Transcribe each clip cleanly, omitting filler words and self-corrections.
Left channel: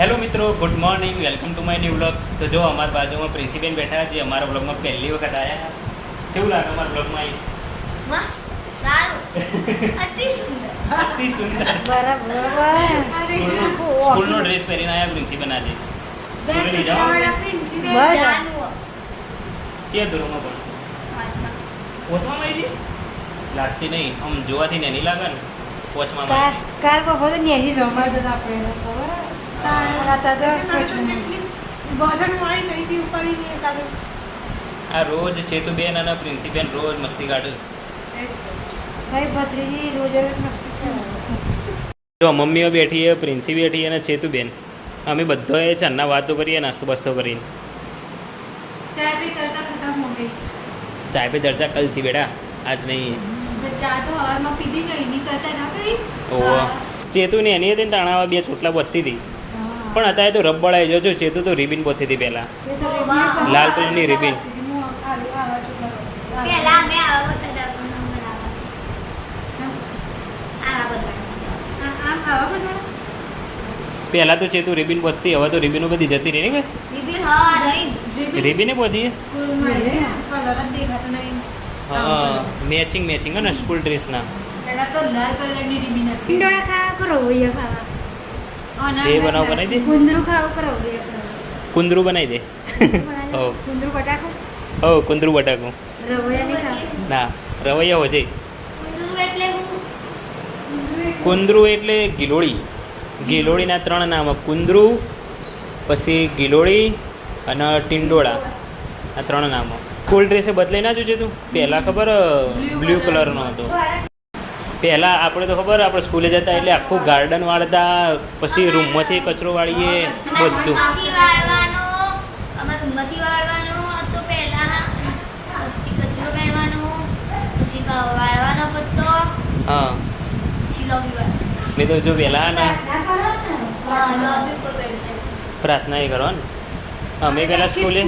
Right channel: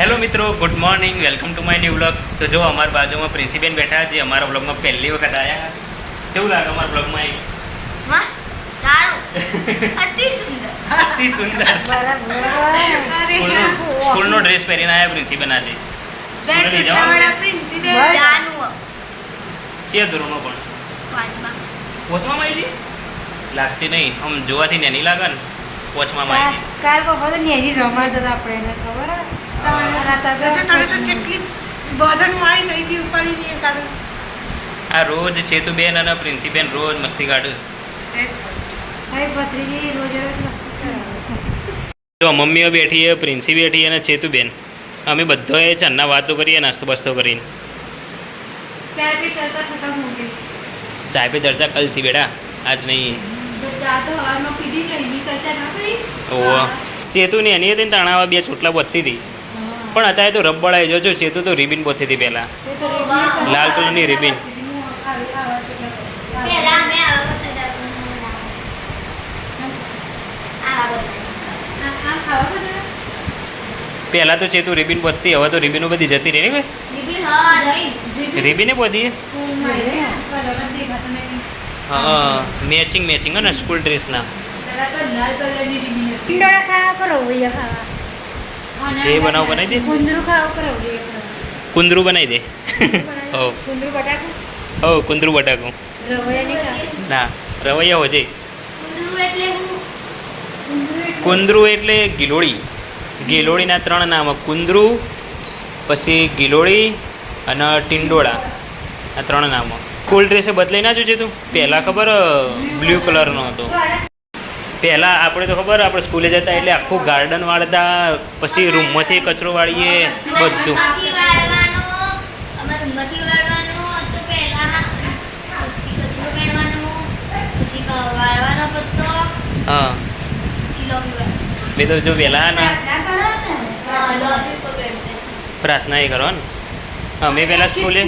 Hello મિત્રો, good morning, welcome to my new vlog. તો જો અમારા બાજુમાં પ્રિન્સીબેન બેઠા છે, અમારા વ્લોગમાં પહેલી વખત આવ્યા. કેવું લાગે અમારા વ્લોગમાં આવી? મસ્ત, સારું, અતિ સુંદર. અતિ સુંદર. સ્કૂલનો ડ્રેસ પહેરીને આવ્યા પ્રિન્સીબેન આજે. સ્કૂલે નહીં જવાનું? જાનું છે ધોરણમાં પણ પાંચમા. પોચમાં આવી લાગતી નહીં, આમ જોવાથી નેની લાગે ને. પોચમાં આવી કાલ બપોરે નેની રમાડતા હતા આપણે એને ખબર આ રોજ ચેતુબેન અને પ્રિન્સીબેન રોજ મસ્તી કાઢું. જો મમ્મીઓ બેઠી છે, પ્રિન્સી બેઠી અને ચેતુબેન. અમે બધાએ ચાના વાતો કરીએ, નાસ્તો બાસ્તો કરીને. ચાય પે ચર્ચા કલથી બેટા, આજ નહીં. ઓહ, ચેતુ ને એની હતી ને તાણાવા બે ચોટલા બધી હતી. પણ અત્યારે તો રબડાઈ જોજો, ચેતુ તો રિબિન બધી હતી પહેલા, લાલ કલરની રિબિન. પહેલા મેં આવા બધા પહેલા તો ચેતુ રિબિન બધી, હવે તો રિબિનો બધી જતી રહી ને. દીદી હા રહી. રિબિને બધી હા, મેચિંગ મેચિંગ ને સ્કૂલ ડ્રેસના. ઈંડોળા ખાવા કરો ખાવા જે બનાવ બનાવી દે, કુંદરું ખાવા કરો કુંદરું બનાવી દે. હો કુંદરું બટાકું હો, કુંદરું બટાકું રવૈયા નહીં ખાવા ના, રવૈયા હોજે. કુંદરું એટલે હું કુંદરું એટલે ગિલોળી. ગિલોળીના 3 નામ: કુંદરું, પછી ગિલોળી અને ટિંડોળા. આ 3 નામો. સ્કૂલ ડ્રેસે બદલાઈ ના જોજે તું. પહેલાં ખબર બ્લુ કલરનો હતો. પહેલાં આપણે તો ખબર, આપણે સ્કૂલે જતા એટલે આખું ગાર્ડન વાળતા, પછી રૂમમાંથી કચરો વાળીએ બધું. રૂમમાંથી વાળવાનો, અમારા રૂમમાંથી વાળવાનો તો પહેલા પછી કચરો કાઢવાનો, પછી વાળવાનો પત્તો, હા, પછી લોબી વાળવાનો. મેં તો જો પહેલાં ના લોબી પર બેઠા. પ્રાર્થના એ કરવા ને. અમે પહેલાં સ્કૂલે,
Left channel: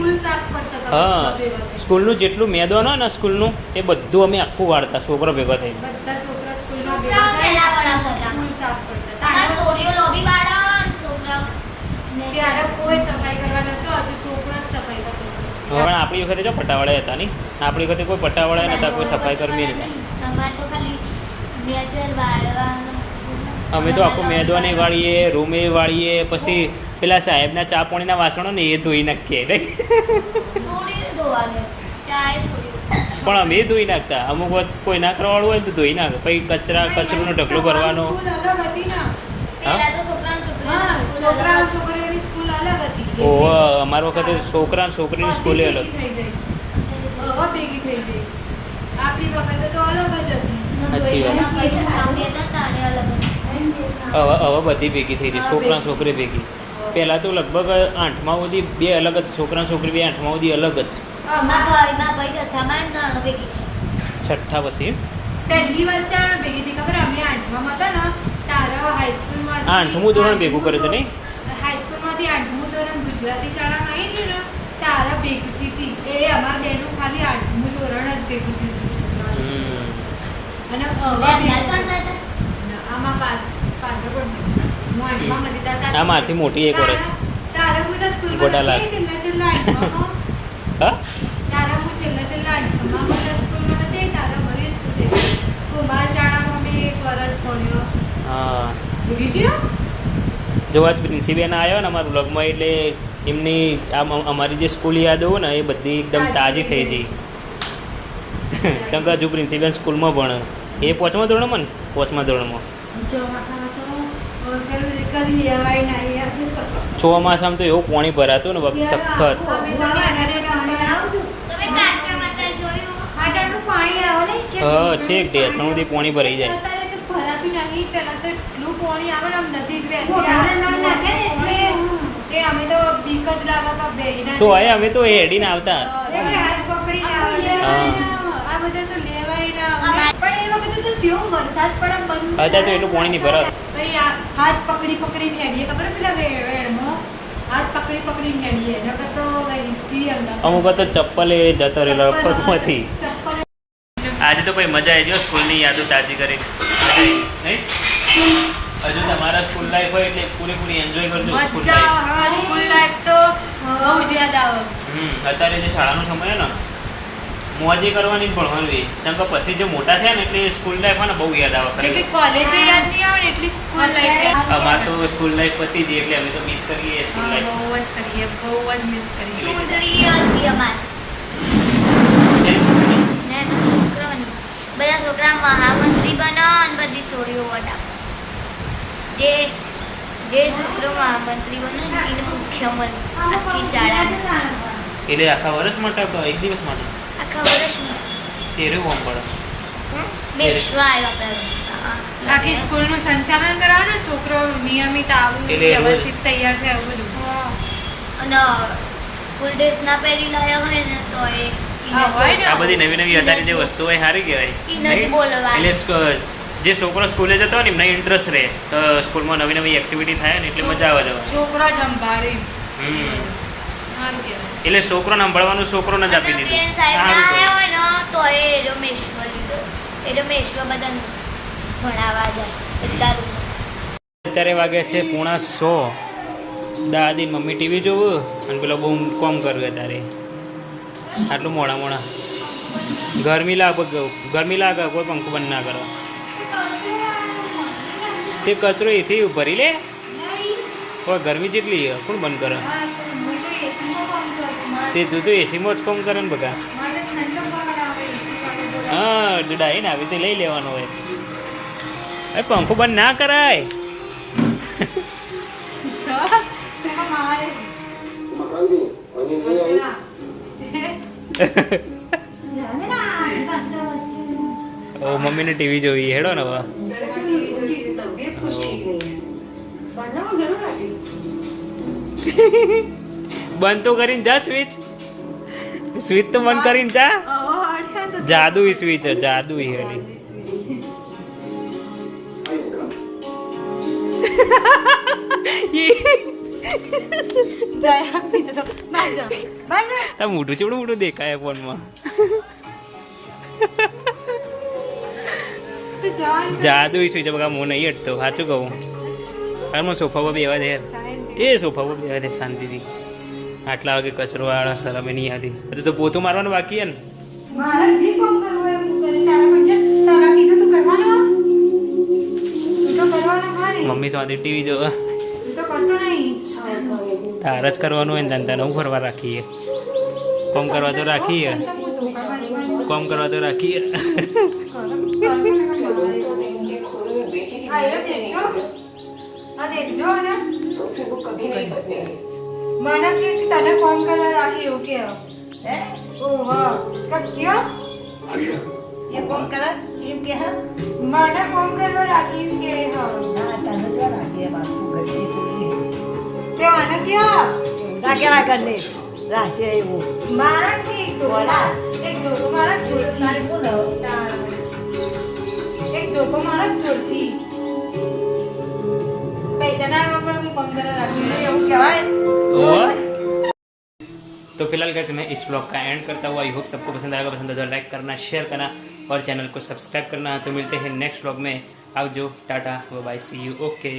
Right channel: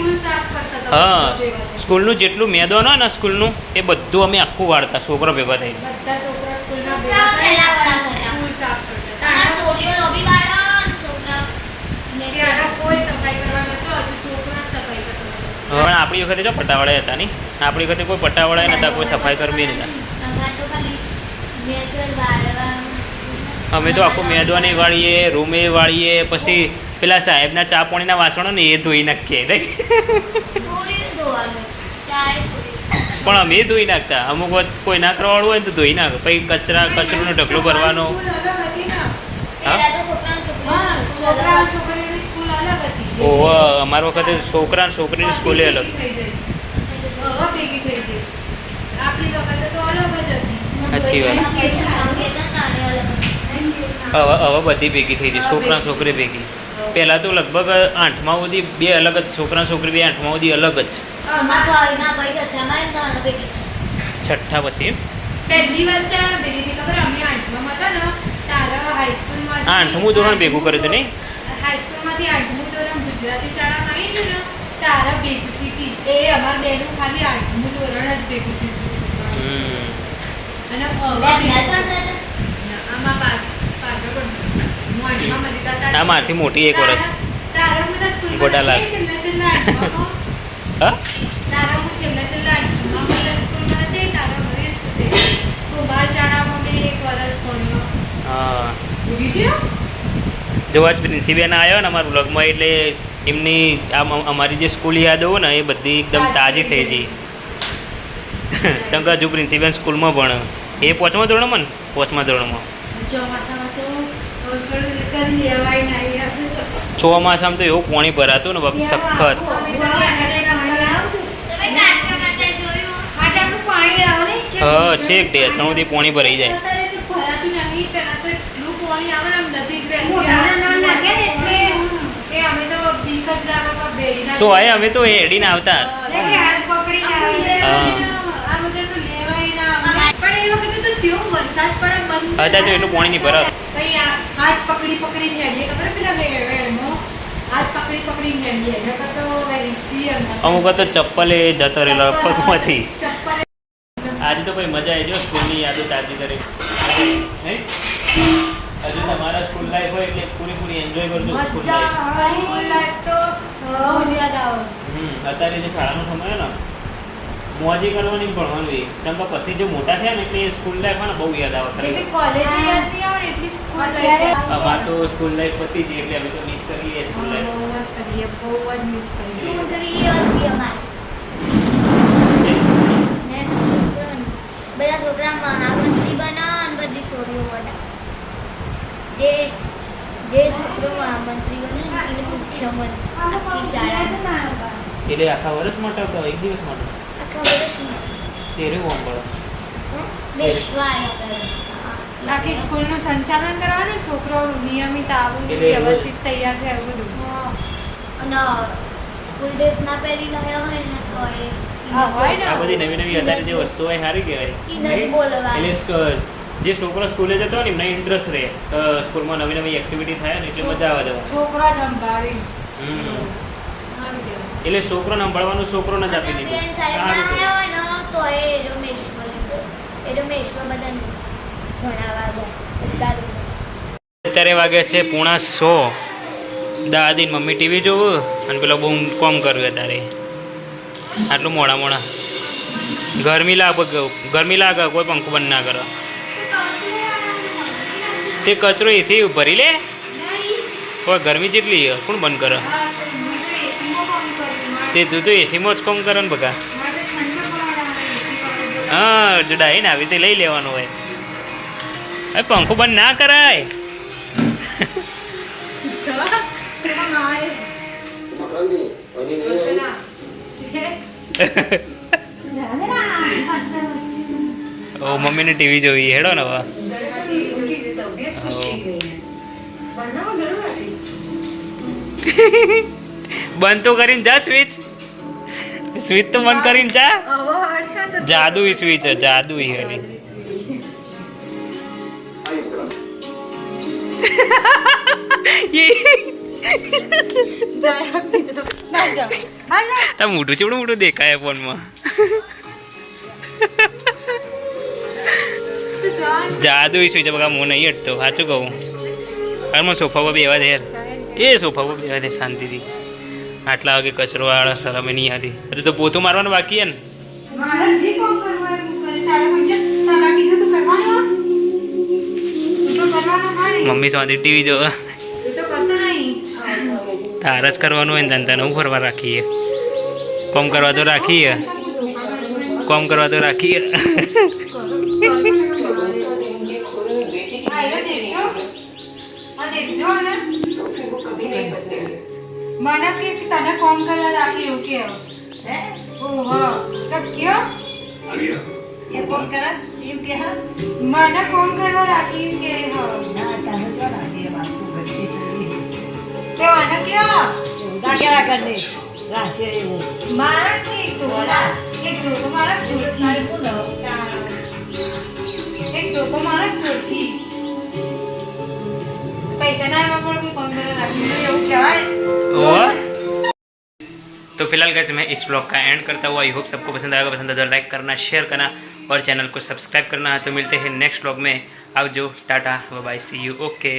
હા, સ્કૂલનું જેટલું મેદાન હોય ને સ્કૂલનું, એ બધું અમે આખું વાળતા, છોકરો ભેગો થઈ. છોકરાઓ પહેલા વાળા હતા. આ છોકરીઓ લોબી વાળો, છોકરાઓ પણ આપણી વખતે જો પટાવાળા હતા નહીં, આપણી વખતે કોઈ પટાવાળા નતા, કોઈ સફાઈ કર્મી નતા. અમારે તો ખાલી નેચરલ વાળવા. અમે તો આખું મેદાને વાળીએ, રૂમે વાળીએ, પછી પેલા સાહેબના ચા પાણીના વાસણો ને એ ધોઈ નાખીએ. છોડી ધોવાનું, ચાય છોડી. પણ અમે ધોઈ નાખતા. અમુક વખત કોઈ ના કરવાવાળું હોય ને તો ધોઈ નાખે. પછી કચરોનો ઢગલો ભરવાનો. પહેલા તો છોકરાઓ ઓહ, અમારા વખતે છોકરા અને છોકરીની સ્કૂલે અલગ. સાચી વાત. હવે બધી ભેગી થઈ હતી, છોકરા છોકરી ભેગી. પહેલાં તો લગભગ 8મા સુધી બે અલગ જ, છોકરા છોકરી બે 8મા સુધી અલગ જ. છઠ્ઠા પછી આઠમું ધોરણ ભેગું કર્યું હતું નહીં? આ માથી મોટી 1 વર્ષ. ગોટાલાલ. હા, હા. જો આજ પ્રિન્સીબેન આવ્યો ને અમારા બ્લોગમાં, એટલે એમની અમારી જે સ્કૂલ યાદો હોય ને એ બધી એકદમ તાજી થઈ ગઈ. ચંકા હજુ પ્રિન્સીબેન સ્કૂલમાં ભણે. એ 5મા ધોરણમાં ને? 5મા ધોરણમાં. ચોમાસામાં તો એવું પાણી ભરાતું ને બાપ, સખત. હા, છેક ઢેચણ સુધી પાણી ભરાઈ જાય. તો અમે તો હેડીને આવતા. હા, અત્યારે તો એટલું પાણી નહીં ભરાતું. અમુક તો ચપ્પલે જતો રહેલો પગમાંથી. આજે તો કોઈ મજા આવી ગયો, સ્કૂલની યાદો તાજી કરી નહીં. હજુ તમારા સ્કૂલ લાઈફ હોય એટલે પૂરેપૂરી એન્જોય કરજો સ્કૂલ મજા લાઈફ. આવે સ્કૂલ લાઈફ તો બહુ જ યાદ આવે અત્યારે જે શાળાનો સમય ને મોજે કરવાની ને ભણવાનું એ કેમ કે પછી જે મોટા થયા ને એટલે સ્કૂલ લાઈફ ને બહુ યાદ આવે જેટલી કોલેજ યાદ નહીં આવે ને એટલી સ્કૂલ લાઈફ અમારે તો સ્કૂલ લાઈફ પતી હતી એટલે અમે તો મિસ કરીએ સ્કૂલ લાઈફ. બહુ જ કરીએ બહુ જ મિસ કરીએ ચૂંટણી હતી અમારે ને એના છોકરાઓની બધા છોકરા મહામંત્રી બનો અને બધી છોડીઓ વટાવે જે છોકરો મહામંત્રી બને ને એને મુખ્યમંત્રી આખી શાળા એટલે આખા વર્ષ માટે તો એક દિવસ માટે આખા વર્ષમાં તેરે હોમ પડે. બેસવા આવ્યા બાકી સ્કૂલનું સંચાલન કરાવવાનું છોકરો નિયમિત આવવું એટલે રોજ- વ્યવસ્થિત તૈયાર થાય એવું બધું અને સ્કૂલ ડ્રેસ ના પહેરી લાવ્યા હોય ને તો એ હા, હોય ને. આ બધી નવી નવી અત્યારે જે વસ્તુઓ હોય સારી કહેવાય એને જ નહીં? બોલવાનું. એટલે જે છોકરો સ્કૂલે જતો હોય ને એમને ઇન્ટરેસ્ટ રહે તો સ્કૂલમાં નવી નવી એક્ટિવિટી થાય ને એટલે મજા આવે જવાની. છોકરો સંભાળે હમ. સારું કહેવાય એટલે છોકરોને સંભાળવાનું છોકરોને જ આપી દીધું. સાહેબ સારું આવ્યા કર્યું. હોય ને તો એ રમેશમાં લીધો એ રમેશમાં બધાને ભણાવવા જાય બધા રૂમ અત્યારે વાગે છે 9:30. દાદી ને મમ્મી ટીવી જોવું અને પેલો બહુ કોમ કર્યું અત્યારે આટલું મોડા ગરમી લાગે કોઈ પંખો બંધ ના કરે તે કચરો એથી ભરી લે કોઈ ગરમી જેટલી છે, કોણ બંધ કરે તે તું તો એસીમાં જ કોમ કરે ને બકા હા જો ડાઈને આવી તે લઈ લેવાનો હોય હવે પંખો બંધ ના કરાય ઓ મમ્મીને ટીવી જોઈ હેડો ને હવે બંધ તો કરીને જા સ્વિચ તો બંધ કરીને જા જાદુઈ સ્વિચ છે જાદુઈ એની તા મોટું ચેવડું મોટું દેખાય ફોનમાં જાદુઈ સ્વિચ બગા હું નહીં હટતો સાચું કહું હાલમાં સોફા પર બેવા દે યાર એ સોફા પર બેવા દે શાંતિથી આટલા વાગે કચરો વાળા શરમે નહીં આવતી હજુ તો પોતું મારવાનું બાકી છે ને મમ્મી શાંતિ ટીવી જો તાર જ કરવાનું હોય ને તને હું ફરવા રાખીએ કોમ કરવા તો રાખીએ મને કે તને કોમ કરવા રાખી એવું કે હે ઓહો કયો એ કોમ કરે એમ કે હા મને કોમ કરવા રાખી એમ કે હા ના તને તો રાખી બાપુ ગતિ સુની કે મને કયો ના કેવા કર દે રાશે એવું મારા કે તો એક તો મારા ચોથી એક તો મારા ચોથી पैसे ना पर कोई कम करा रखी है वो क्या है तो फिलहाल गाइस मैं इस व्लॉग का एंड करता हुआ आई होप सबको पसंद आएगा तो लाइक करना शेयर करना और चैनल को सब्सक्राइब करना तो मिलते हैं नेक्स्ट व्लॉग में आओ जो tata bye bye see you okay